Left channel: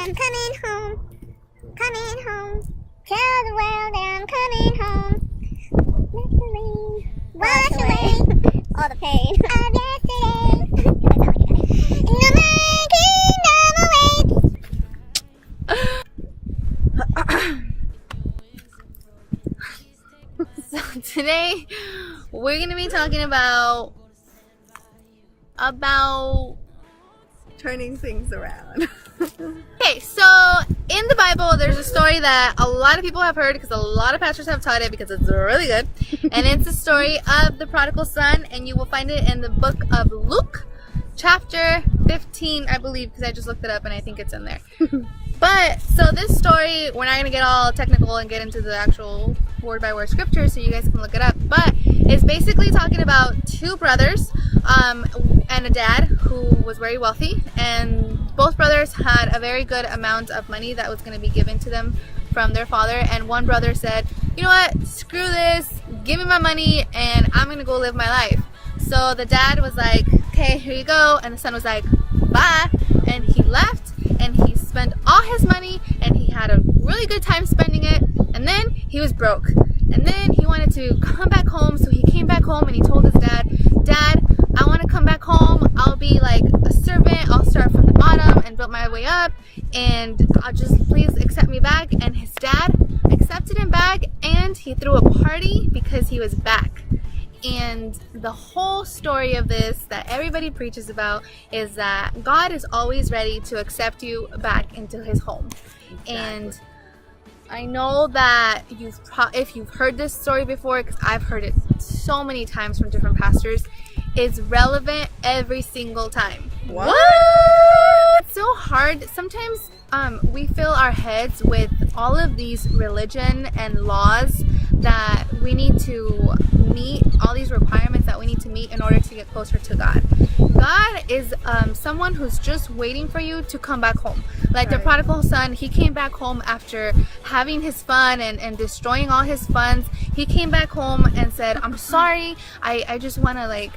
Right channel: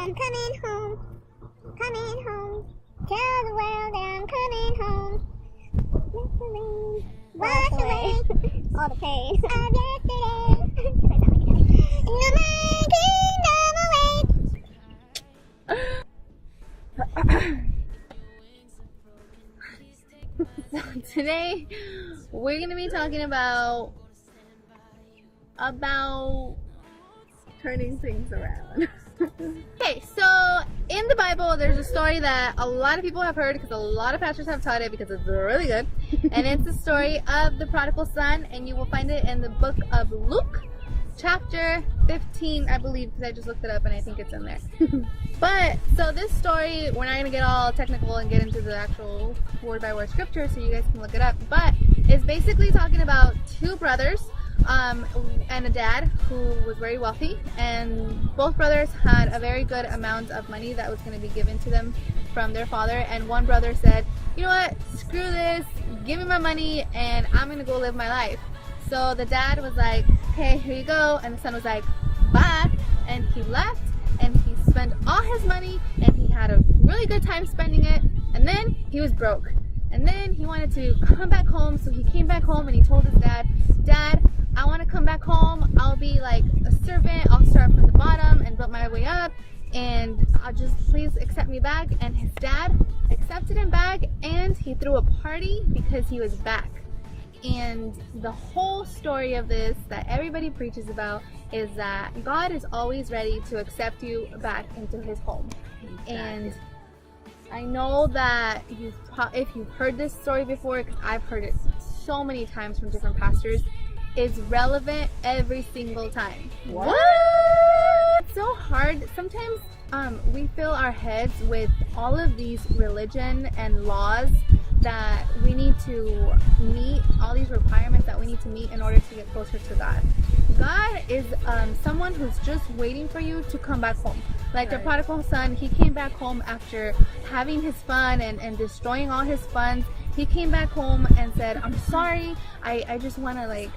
I'm coming home. Coming home. Tell the world that I'm coming home. Let the rain wash away all the pain of yesterday. No more kingdom awaits. So today we're gonna be talking about turning things around. okay, so in the Bible there's a story that a lot of people have heard because a lot of pastors have taught it because it's really good, and it's the story of the prodigal son, and you will find it in the book of Luke chapter 15, I believe, because I just looked it up and I think it's in there. But so this story, we're not going to get all technical and get into the actual word by word scripture so you guys can look it up, but it's basically talking about two brothers and a dad who was very wealthy, and both brothers had a very good amount of money that was going to be given to them from their father. And one brother said, you know what, screw this, give me my money and I'm going to go live my life. So the dad was like, okay, here you go, and the son was like, bye, and he left and he spent all his money and he had a really good time spending it, and then he was broke, and then he wanted to come back home. So he came back home and he told his dad, I want to come back home, I'll be like a servant, I'll start from the bottom and build my way up, and I'll just please accept me back. And his dad accepted him back and he threw a party because he was back. And the whole story of this that everybody preaches about is that God is always ready to accept you back into his home. Exactly. And I know that if you've heard this story before, because I've heard it so many times from different pastors, it's relevant every single time. What? It's so hard. Sometimes we fill our heads with all of these religion and laws that we need to meet, all these requirements that we need to meet in order to get closer to God. God is someone who's just waiting for you to come back home. Like the prodigal son, he came back home after having his fun and destroying all his funds. He came back home and said, I'm sorry, I just want to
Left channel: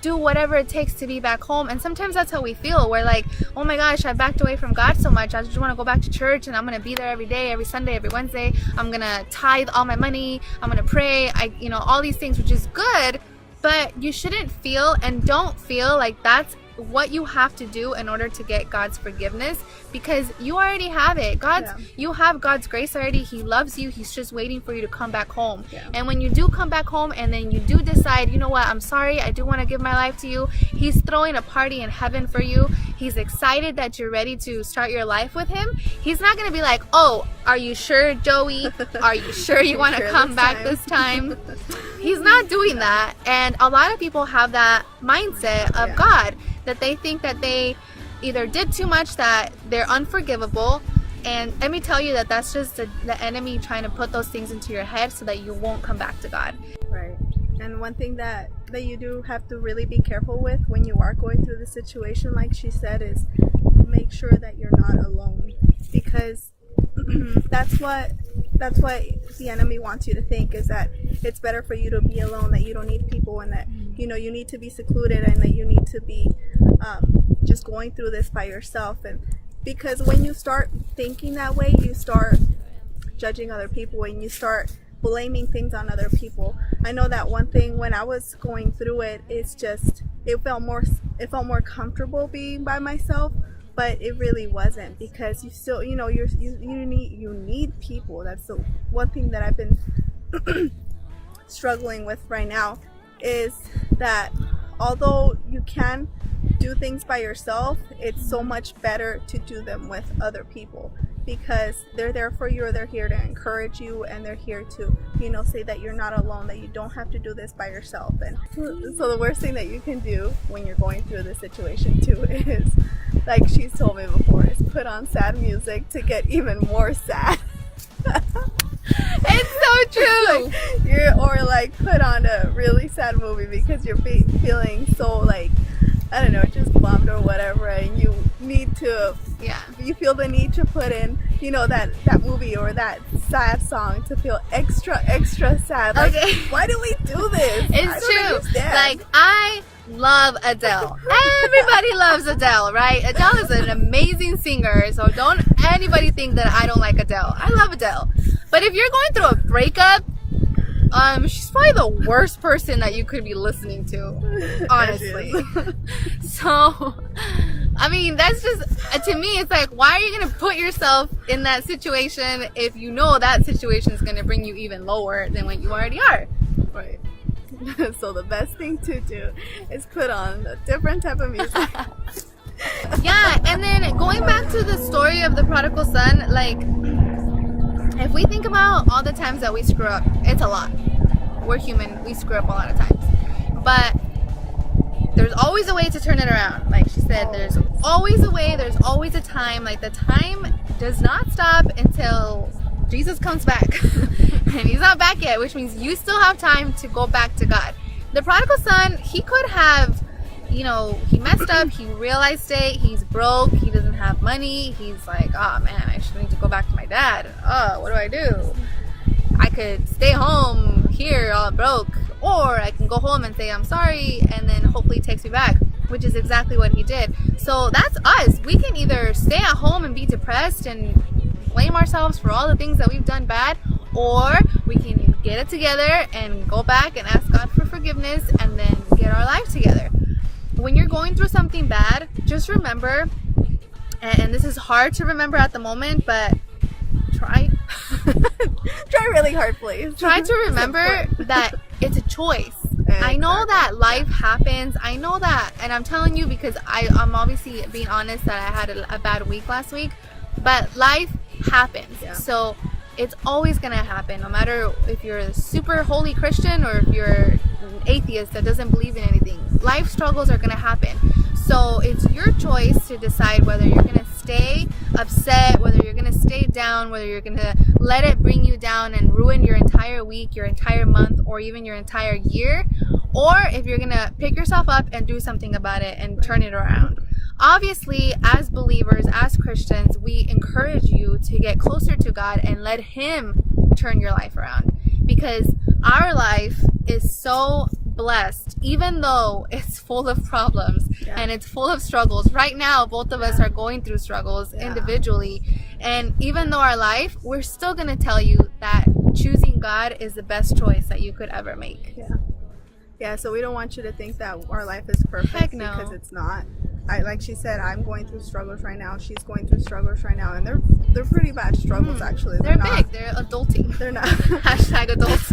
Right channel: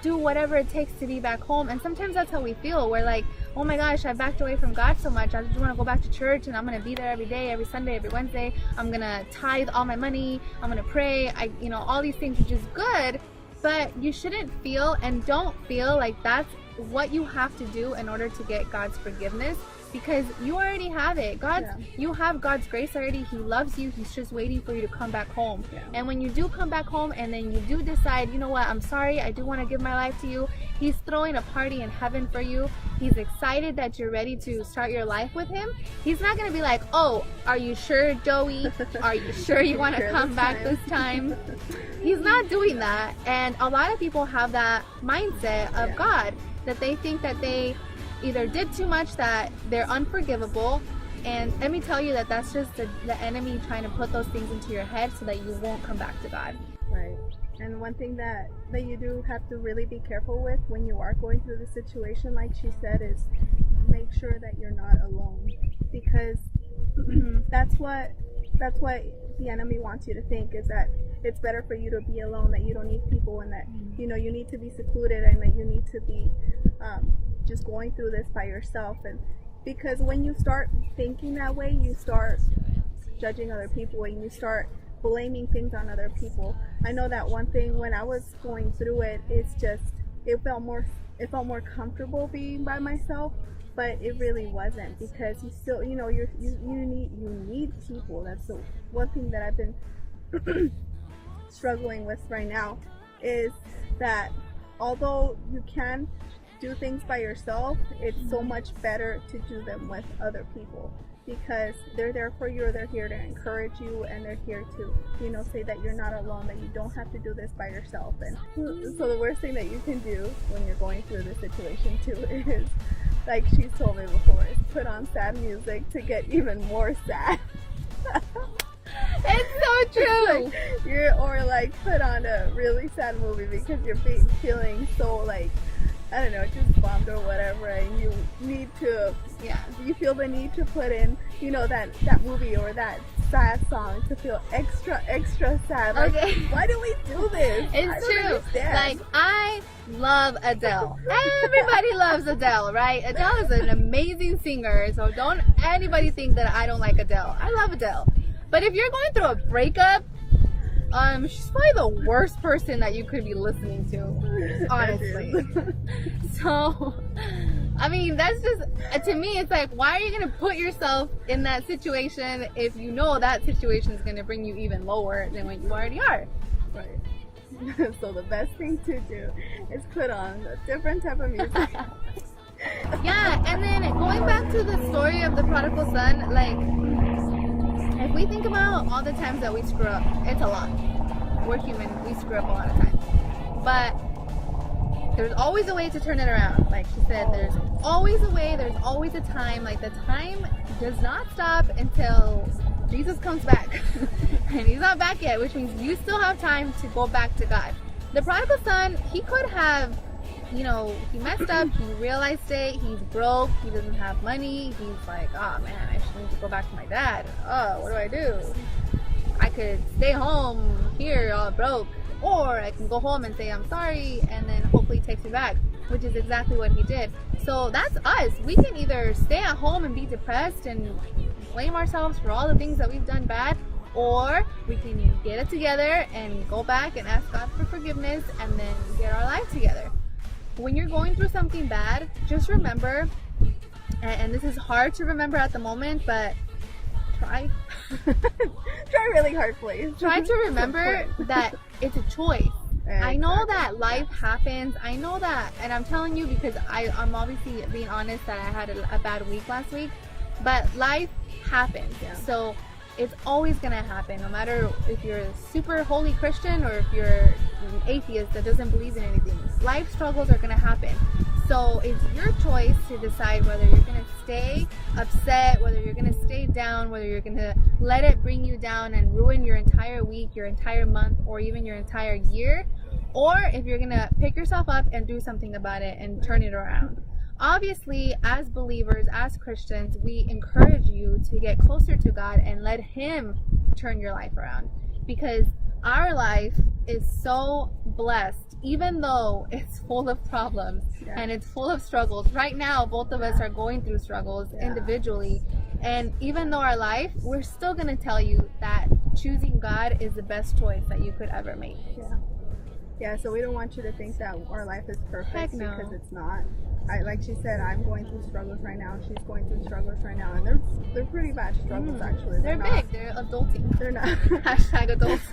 do whatever it takes to be back home. And sometimes that's how we feel. We're like, oh my gosh, I backed away from God so much, I just want to go back to church and I'm going to be there every day, every Sunday, every Wednesday. I'm going to tithe all my money, I'm going to pray, all these things, which is good. But you shouldn't feel and don't feel like that's what you have to do in order to get God's forgiveness, because you already have it. You have God's grace already. He loves you. He's just waiting for you to come back home. And when you do come back home and then you do decide, you know what, I'm sorry, I do want to give my life to you, he's throwing a party in heaven for you. He's excited that you're ready to start your life with him. He's not going to be like, oh, are you sure, Joey? Are you sure you want to come back this time? He's not doing that. And a lot of people have that mindset of God, that they think that they either did too much, that they're unforgivable. And let me tell you that that's just the enemy trying to put those things into your head so that you won't come back to God. Right. And one thing that you do have to really be careful with when you are going through the situation, like she said, is make sure that you're not alone, because that's what the enemy wants you to think, is that it's better for you to be alone, that you don't need people, and that you need to be secluded, and that you need to be just going through this by yourself. And because when you start thinking that way, you start judging other people and you start blaming things on other people. I know that one thing when I was going through it, it felt more comfortable being by myself, but it really wasn't, because you still you need people. That's the one thing that I've been struggling with right now, is that although you can do things by yourself, it's so much better to do them with other people, because they're there for you, or they're here to encourage you, and they're here to say that you're not alone, that you don't have to do this by yourself. And so the worst thing that you can do when you're going through this situation too is, like she's told me before, is put on sad music to get even more sad. It's so true. Or put on a really sad movie because you're feeling so I don't know, just bummed or whatever, and you need to, Yeah. you feel the need to put in, you know, that movie or that sad song to feel extra sad. Like, Okay. why do we do this? I It's don't true. understand. Like, I love Adele. Everybody loves Adele, right? Adele is an amazing singer, so don't anybody think that I don't like Adele. I love Adele. But if you're going through a breakup, she's probably the worst person that you could be listening to, honestly. So, I mean, that's just, to me, it's like, why are you going to put yourself in that situation if you know that situation is going to bring you even lower than what you already are? Right. So the best thing to do is put on a different type of music. Yeah, and then going back to the story of the prodigal son, like, if we think about all the times that we screw up, it's a lot. We're human, we screw up a lot of times. But there's always a way to turn it around. Like she said, there's always a way, there's always a time. Like, the time does not stop until Jesus comes back. And he's not back yet, which means you still have time to go back to God. The prodigal son, he could have, you know, he messed up, he realized it, he's broke, he doesn't have money, he's like, oh man, I actually need to go back to my dad. Oh, what do I do? I could stay home here all broke, or I can go home and say I'm sorry, and then hopefully he takes me back, which is exactly what he did. So that's us. We can either stay at home and be depressed and blame ourselves for all the things that we've done bad, or we can get it together and go back and ask God for forgiveness and then get our life together. When you're going through something bad, just remember, and this is hard to remember at the moment, but try really hard, please. Try to remember that it's a choice. I know that life happens. I know that, and I'm telling you because I'm obviously being honest that I had a bad week last week, but life happens. Yeah. So it's always gonna happen, no matter if you're a super holy Christian or if you're an atheist that doesn't believe in anything. Life struggles are gonna happen. So it's your choice to decide whether you're gonna stay upset, whether you're gonna stay down, whether you're gonna let it bring you down and ruin your entire week, your entire month, or even your entire year, or if you're gonna pick yourself up and do something about it and turn it around. Obviously, as believers, as Christians, we encourage you to get closer to God and let Him turn your life around, because our life is so blessed, even though it's full of problems and it's full of struggles. Right now, both of us are going through struggles individually, and even though our life, we're still going to tell you that choosing God is the best choice that you could ever make. Yeah, so we don't want you to think that our life is perfect. Heck no. Because it's not. Like she said, I'm going through struggles right now. She's going through struggles right now, and they're pretty bad struggles actually. They're not, big. They're adulting. They're not. Hashtag adults.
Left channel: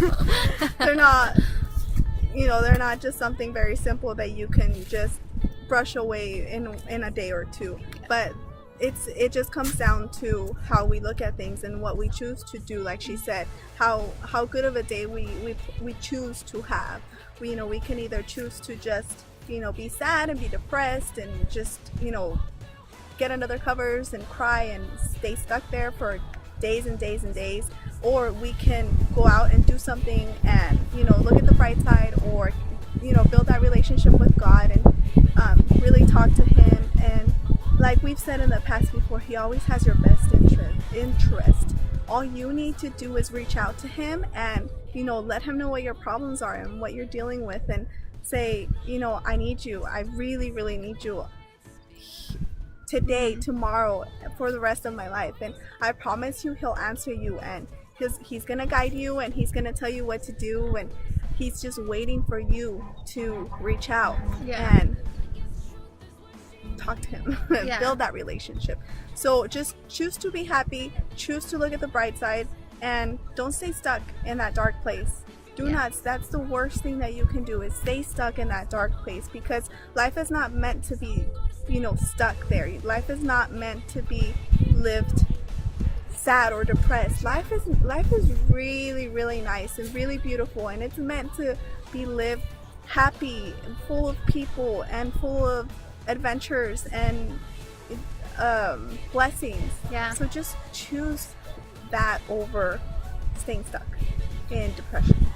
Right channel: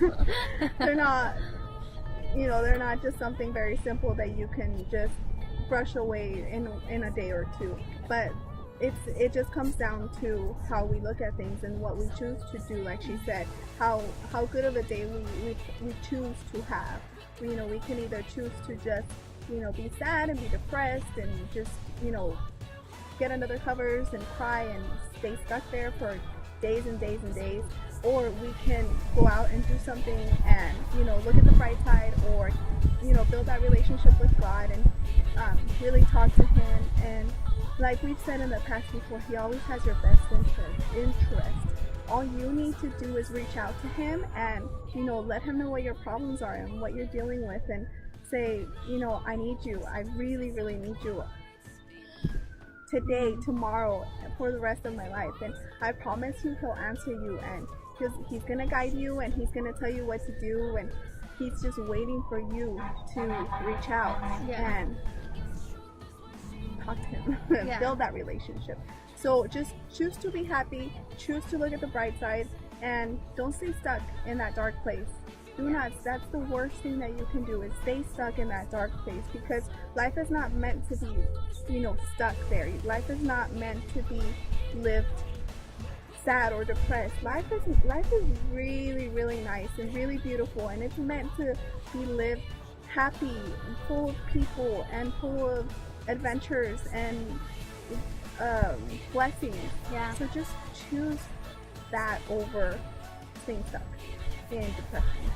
They're not. You know, they're not just something very simple that you can just brush away in a day or two. But it just comes down to how we look at things and what we choose to do. Like she said, how good of a day we choose to have. We can either choose to just be sad and be depressed and just get under their covers and cry and stay stuck there for days and days and days, or we can go out and do something and look at the bright side, or build that relationship with God and really talk to Him. And like we've said in the past before, He always has your best interest. All you need to do is reach out to Him and let Him know what your problems are and what you're dealing with, and say, I need you. I really, really need you today, tomorrow, for the rest of my life. And I promise you, He'll answer you, and He's gonna guide you, and He's gonna tell you what to do, and He's just waiting for you to reach out and talk to Him and build that relationship. So just choose to be happy, choose to look at the bright side, and don't stay stuck in that dark place. Do not. That's the worst thing that you can do, is stay stuck in that dark place, because life is not meant to be stuck there. Life is not meant to be lived sad or depressed. Life is really, really nice and really beautiful, and it's meant to be lived happy and full of people and full of adventures and blessings. So just choose that over staying stuck in depression.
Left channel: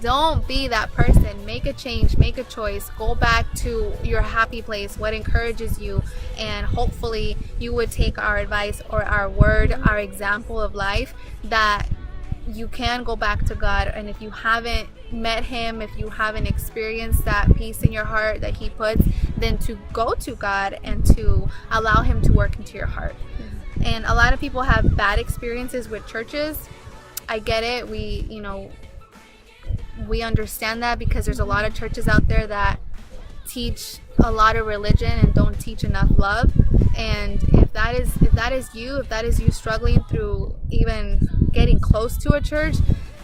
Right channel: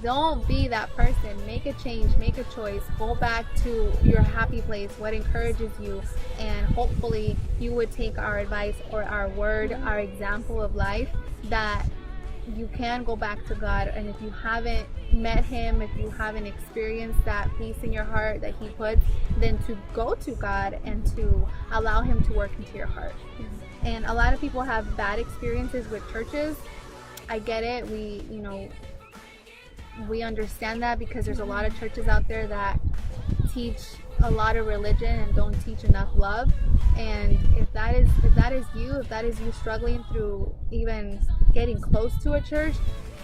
Don't be that person. Make a change, make a choice, go back to your happy place, what encourages you, and hopefully you would take our advice or our word, our example of life, that you can go back to God. And if you haven't met him, if you haven't experienced that peace in your heart that he puts, then to go to God and to allow him to work into your heart. And a lot of people have bad experiences with churches. I get it. We understand that, because there's a lot of churches out there that teach a lot of religion and don't teach enough love. And if that is you struggling through even getting close to a church,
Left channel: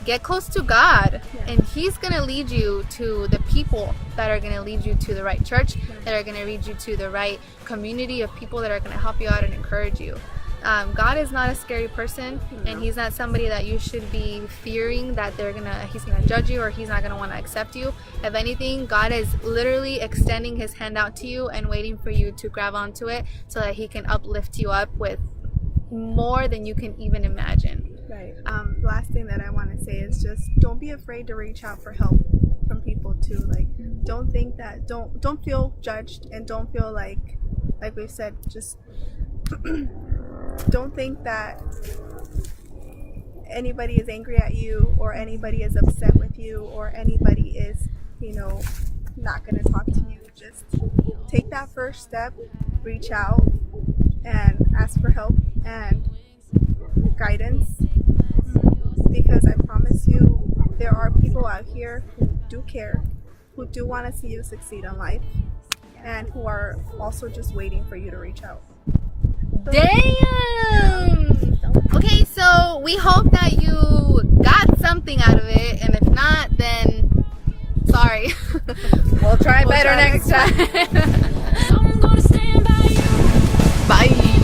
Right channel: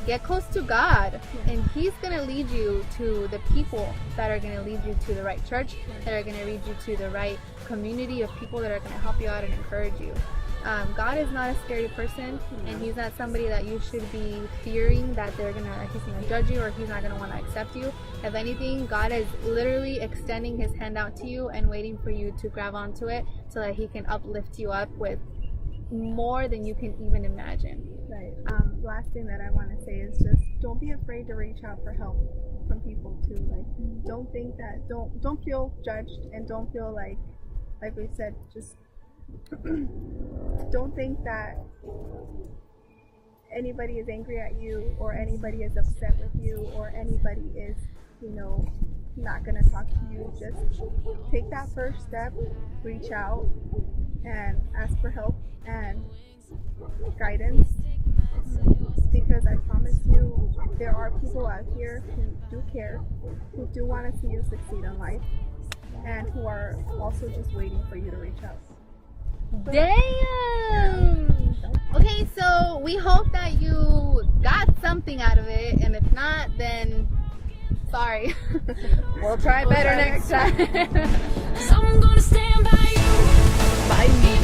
get close to God, and he's going to lead you to the people that are going to lead you to the right church, that are going to lead you to the right community of people that are going to help you out and encourage you. God is not a scary person, and he's not somebody that you should be fearing that he's gonna judge you, or he's not gonna want to accept you. If anything, God is literally extending his hand out to you and waiting for you to grab onto it, so that he can uplift you up with more than you can even imagine. Right. Last thing that I want to say is just don't be afraid to reach out for help from people too. Like, don't think that don't feel judged, and don't feel like we said, just don't think that anybody is angry at you, or anybody is upset with you, or anybody is, not going to talk to you. Just take that first step, reach out and ask for help and guidance, because I promise you there are people out here who do care, who do want to see you succeed in life, and who are also just waiting for you to reach out. Damn! Okay, so we hope that you got something out of it, and if not, then sorry. We'll try better next time. I'm gonna stand by you. Bye.